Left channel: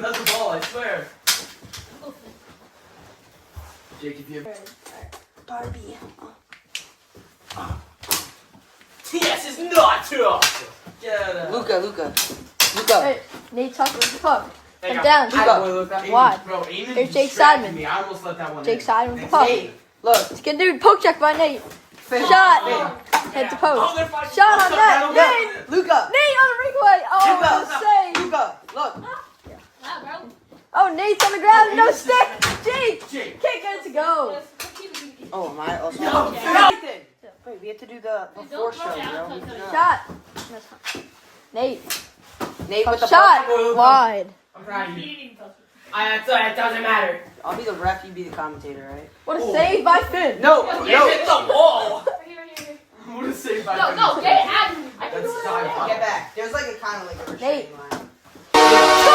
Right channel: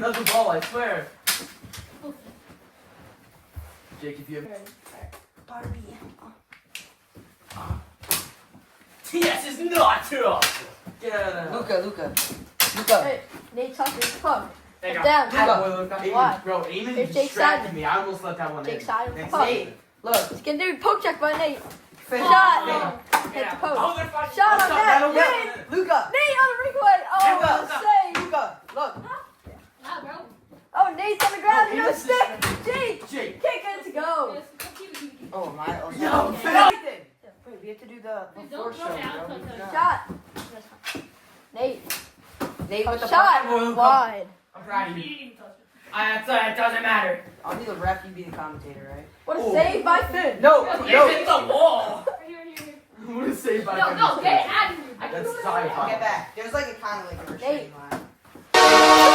That's the ball, I swear. Jake, if you have... Barbie. Yes, it's not true. Yeah. Luca. Hey, Nate Tucker, come. Hey, Get down. Luca. Why? Bro, Eamon There's Jake distracted Simon. me. I almost let that one Jake in. Simon, come. Nate, look. Let's get dude. Poke check by Nate. Finish. Shot. Nate. Hit the Oh, post. they're fighting. Shot on that. Nate. Luca. Nate on the breakaway. Oh, save. Luca. Look. Oh, Nate's on the ground. Oh, No Eamon's stick. Jake. Jake. Kick it to go. Oh my. No, Wait, we have to do the before show, bro. Shot. Nate. Nate with the Shot. puck. Wide. I'm proud of you. It doesn't matter. I'll be the ref, you be the commentator, right? What a save by Finn. No. Hit the wall. What a save by Finn. No, they had me. That's sci-fi. Get back. There's like a kind of like a Nate. restraining line.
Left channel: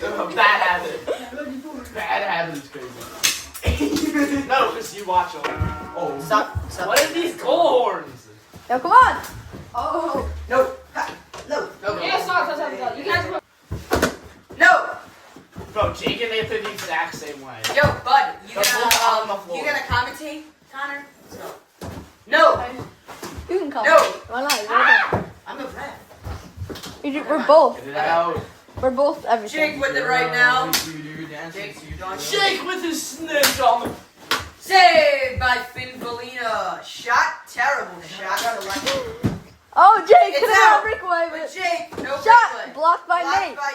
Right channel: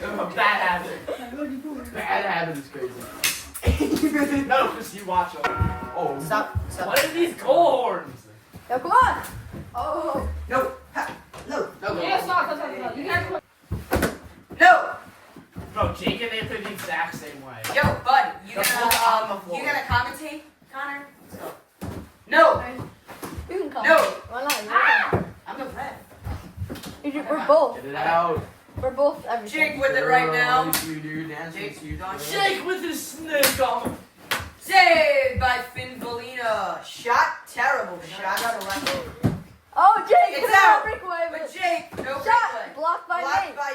Bad habit. Bad habit is crazy. No, because you watch them. Oh, Stop. What are these goal horns? Yo, come on. Oh. No. Ha. No. Yeah, stop. You guys know. No. Bro, Jake and they play the exact same way. Yo, bud, you The whole time. gonna commentate, Connor? No. You can come. No. Why not? I'm the ref. We're both. Get it out. We're both everything. Jake with it right now. Jake, Jake with his snitch on the... Saved by Finn Valina. Shot, terrible shot. Oh, Jake. It's get out. Breakaway. But Jake, no Shot. breakaway. Blocked by Blocked Nate. by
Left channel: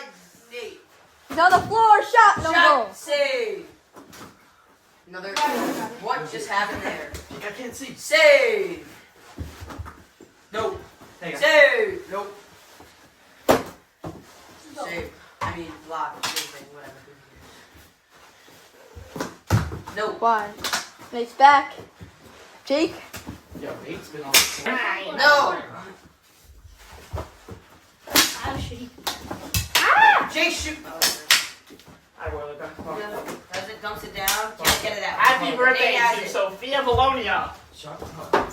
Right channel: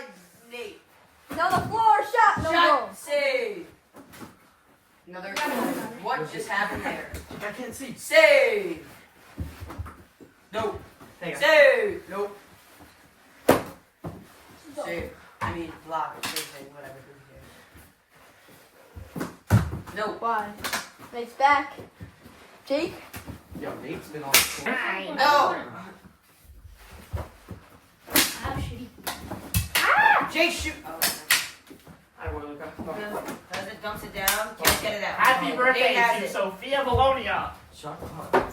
Nate. He's on the floor. Shot. No goal. Shot, save. Another. What just happened there? I can't see. Save. No. Save. Nope. Save. I mean, block. Same thing. Whatever. Who cares? No. Why? Nate's back. Jake. Yo, Nate's been on the floor. No. Jake, shoot. Oh, I will look back. President dumps it down. Can't get it out. Happy Nate birthday has to it. Sophia Bologna. Shut up.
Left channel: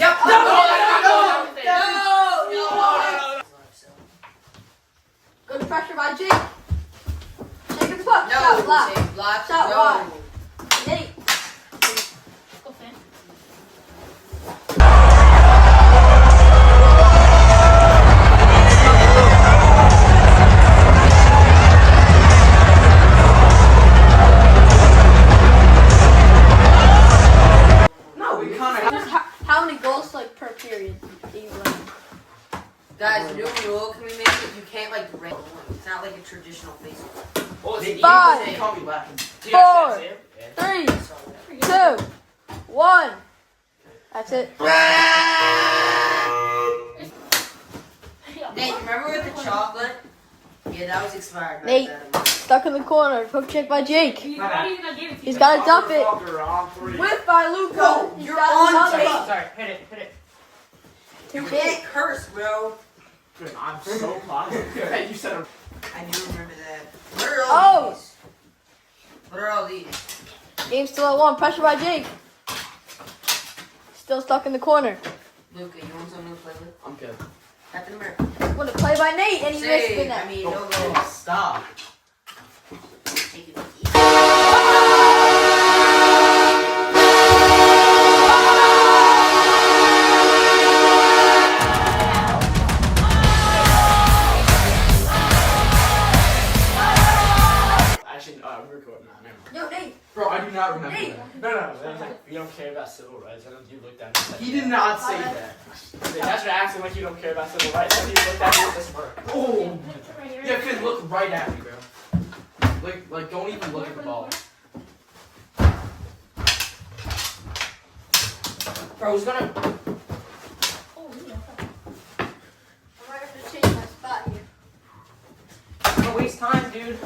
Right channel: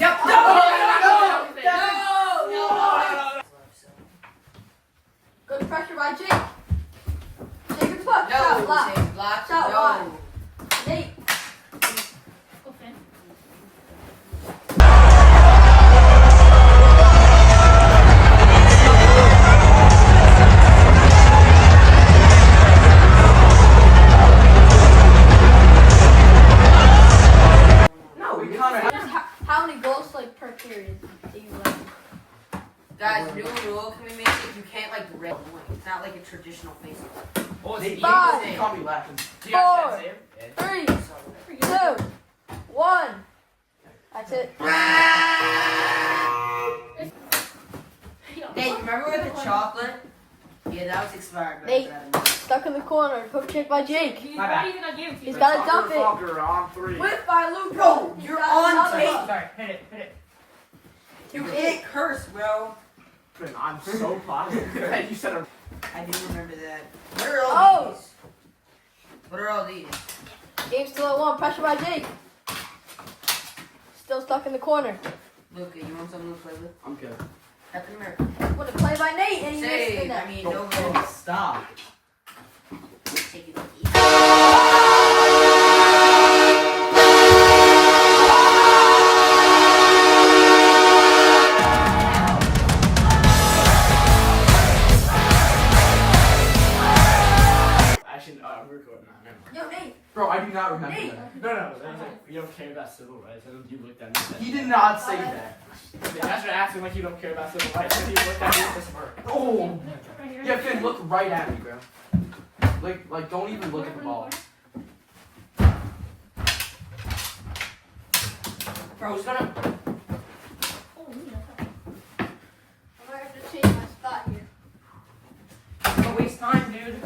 Yep. No. Good pressure by Jake. Jake, it's what? No. Shot block. Save. Block. Shot No. block. Nate. No, we counter. How many goals like per period do you run? Guys, new rule. Can we make it? You can't like red. It's not like a traditional face. Well, it's Nate, equal. Five. They can't be laughing. Four. Yeah. 3, 2, 1. That's it. Nate, remember with the chocolate? Yeah, that was expired. Nate. Stuck in the corner. Poke check by Jake. He's got to dump it. On three. Whip by Luca. Bro, He's you're got on another tape. one. Sorry, hit it. You can't curse, bro. I'm so positive. You said a... I do remember that. What are all Oh. these? What are all these? Game still at 1. Pressure by Jake. Still stuck in the corner. Luca, you want something to play with? I'm good. Captain America. Want to play by Nate and he missed Save. it. I mean, no Oh, goal. stop. Take it easy. Actually, I'm recording now. Yo, Nate. Bro, I do not remember Nate. that. No. You don't care about civil rights. I know you looked at me. He did not say that. That's for asking like you don't care about civil rights. And you looked at me with this bird. Oh. Yeah, Finn, look right at me, bro. Like, don't even look at the ball. Bro, who's gonna. I might have to change my spot here. Don't waste time, dude.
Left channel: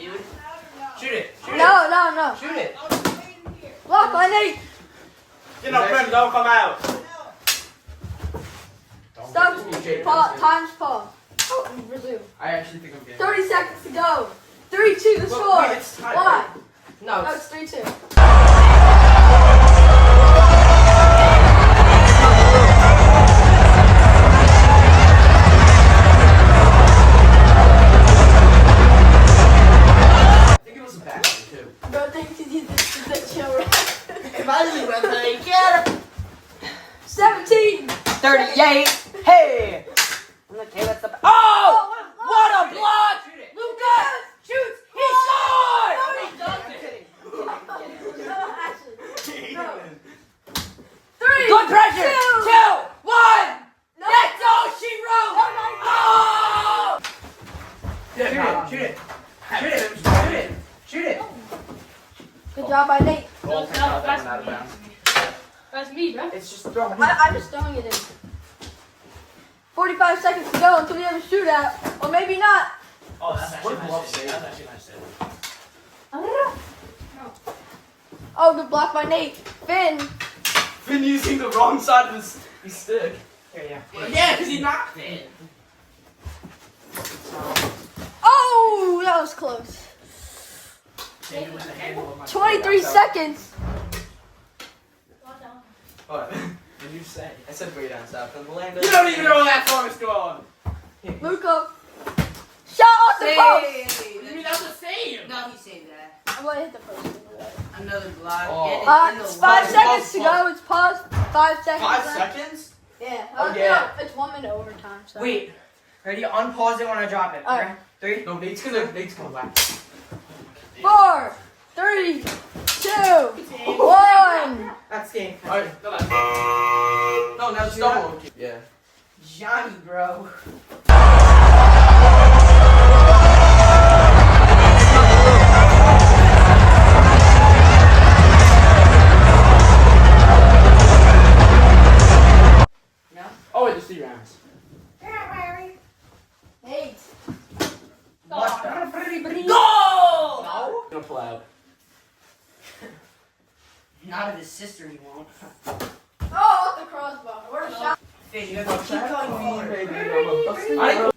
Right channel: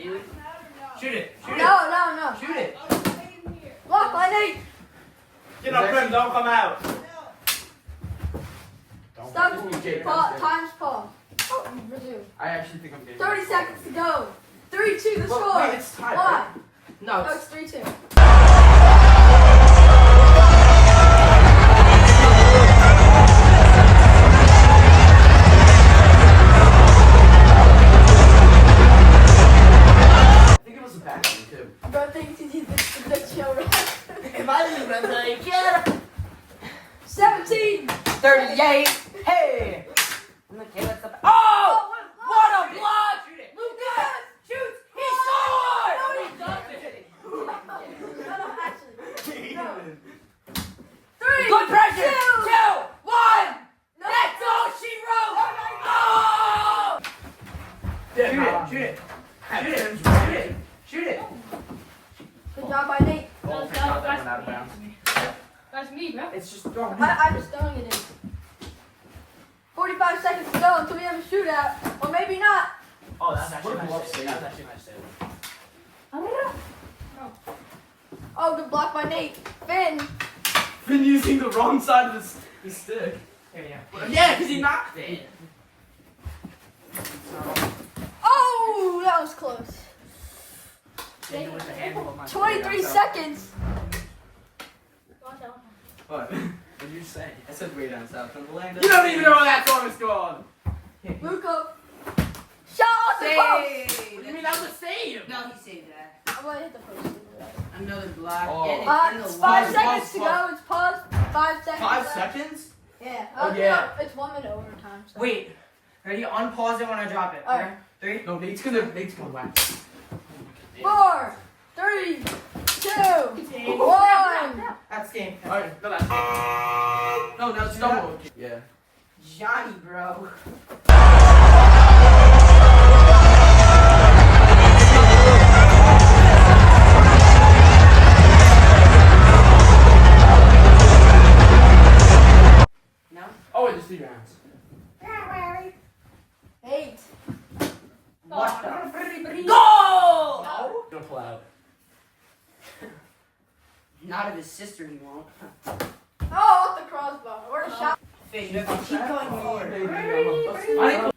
Dude. Shoot it. No. Shoot it. Block by Nate. You know, friend, don't come out. Stop. Jake, Time's pause. Oh, resume. I actually think I'm getting 30 seconds to go. 3-2 the score. Wait, it's tied. Why? No, No, it's it's 3-2. I think it was a back one too. Bro, think you did the show right. Imagine when they get 17. 38. Hey! Okay, that's up. Oh! What a block! Shoot it. Lucas shoots. He scored! No, he doesn't. No, actually. No. 3. Good pressure. 2, 1. No. That's all she wrote. Oh! Yeah, shoot it. Shoot it. Shoot it. Shoot it. Good job by Nate. Oh, thank God that went out of bounds. That's me, bro. It's just throwing it. I'm just throwing it in. 45 seconds to go until we have a shootout. Or maybe not. Oh, that's actually nice. That's actually nice. Oh, good block by Nate. Finn. Been using the wrong side of his stick. Yeah. Yeah, because he knocked it. Oh, that was close. 23 seconds. What? What did you say? I said way down south. You don't even know where that song is going. Luca. Shot off the post. Save. You mean that's a save? No, he saved that. I'm gonna hit the post. Another block. Oh. And it's in the 5 line. seconds to go. It's paused. 5 seconds. 5 left. seconds? Yeah. Oh, no, yeah. it's 1 minute overtime. So. Wait. Ready? Unpause it when I drop it. Alright. 3. No, Nate's gonna back. 4, 3, 2, 1. That's game. Alright, no, that's no, that's double. Yeah. Johnny, bro. No? Oh, wait, just 3 rounds. 8. What the? Goal! No? Gonna pull out. Not of his sister, he won't. Oh, off the crossbar. Or a shot. Finn, you have to keep going forward. Baby, I'm a